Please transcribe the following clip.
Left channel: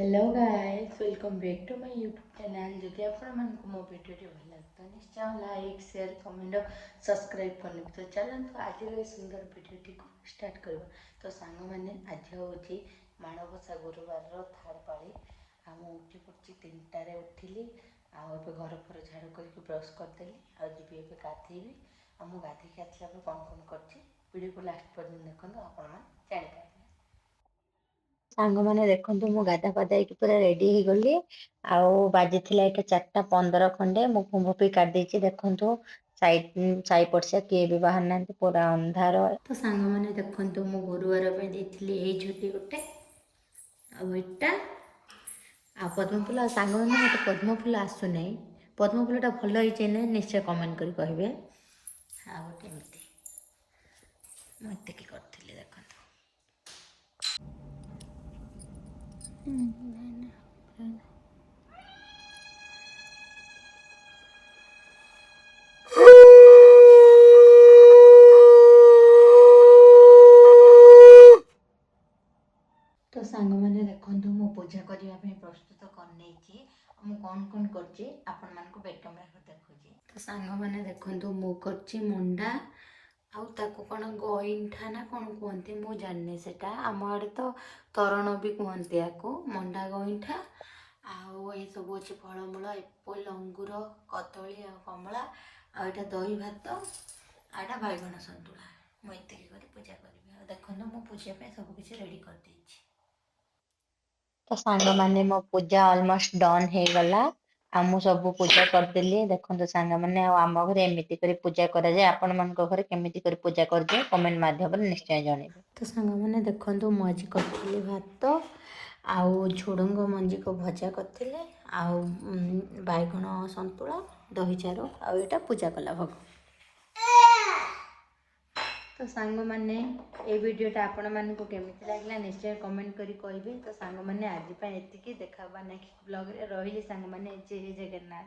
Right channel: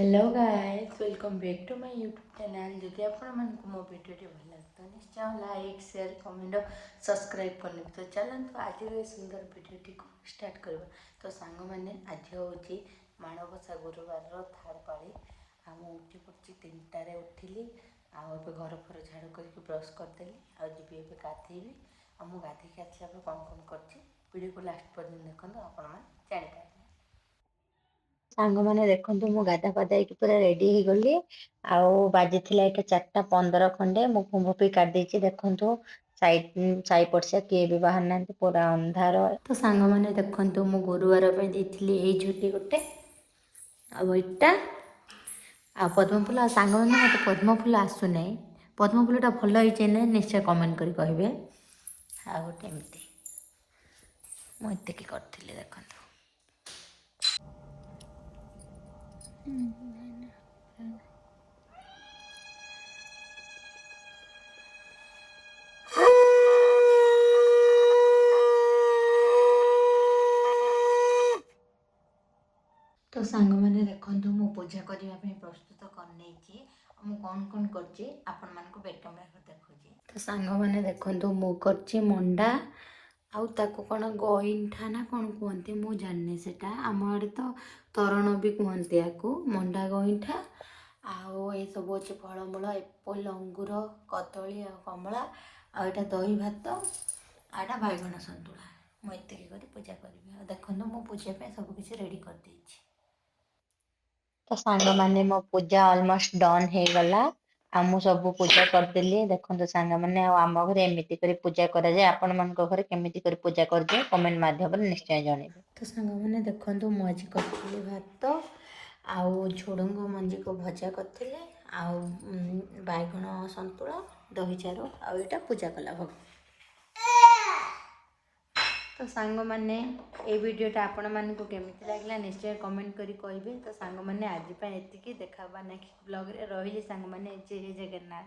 Hello guys, welcome back to my YouTube channel. जदि आपको मो वीडियो भल लगे तो निश्चय लाइक शेयर कमेंट और सब्सक्राइब करने तो चलते आज सुंदर वीडियो को स्टार्ट करवा। तो सांग मैंने आज हूँ माणबसा गुरुवार थार्ड पाली उठी पड़ी 3टारे उठिली आबे घर फर झाड़ू करके ब्रश करदेली आबी ए गाधेबी मुझे गाधे आसला कौन कौन कर वीडियो को लास्ट पर्यटन देखो आपण जापारे। ସାଙ୍ଗମାନେ ଦେଖନ୍ତୁ ମୁଁ ଗାଧା ପାଧା ହେଇକି ପୁରା ରେଡି ହେଇଗଲି। ଆଉ ବାଜିଥିଲା ଏଇଟା 4:15 ଖଣ୍ଡେ। ମୁଁ କୁମ୍ଭ ପି କାଢି ଦେଇଛି। ଦେଖନ୍ତୁ ସାଇ ପଡିଶା କିଏ ବି ବାହାରି ନାହାନ୍ତି, ପୁରା ଅନ୍ଧାର। तो सांग मैंने देखु मु गुरुवार देती ये झुटी गोटे आईटा आ पद्म फूल सांग मैंने मत पद्म फूल आसुना। पद्म फूलटा भल होइए ना निश्चय कमेंट कर कहे। आ गोटे एमती मुझे करी देखो। तो सांग मैंने देखु मु पूजा करने प्रस्तुत कर कौन कौन कर बैक कैमेरा देखुची। तो सांग मैंने देखु मु कर मंडा आउ ताको कौन गईठा ना कौन कहते मु जानी सेटा आम आड़े तो तरण भी कहते या मंडा गईठा आउ ये सब अच्छे फलमूल एप्पल अंगूर कदली आ कमला आटा दही भात आटा बैगण सतुला मुझे कर पूजा करी। देखो मो पूजा सब किसी रेडी कर देछि। ତ ସାଙ୍ଗମାନେ ମୋ ପୂଜା ଅଲମୋଷ୍ଟ ଡନ୍ ହେଇଗଲା। ଆଉ ମୁଁ ସବୁ ପୂଜା କରିଦେଲି। ଦେଖନ୍ତୁ ସାଙ୍ଗମାନେ, ଆଉ ଆମ ଘରେ ଏମିତି କରି ପୂଜା କରାଯାଏ। ଆପଣମାନଙ୍କ ଘରେ କେମିତି କରି ପୂଜା କରିଦିଏ କମେଣ୍ଟ ମାଧ୍ୟମରେ ନିଶ୍ଚୟ ଜଣେଇବେ। तो सांग मैंने देखु मु आज करी भात आउ झुड़ंग मंजी को भजा करते आउ बैगण सतुला दही चारू आटा पूजा कला भोग। तो सांग मैंने ये वीडियोटा आपण मानक केमिति लागला निश्चय कमेंट करी कहिबे। तो सांग मैंने आज एतिकी देखा नेक्स्ट ब्लॉग रे रहिली। सांग मैंने जय जगन्नाथ।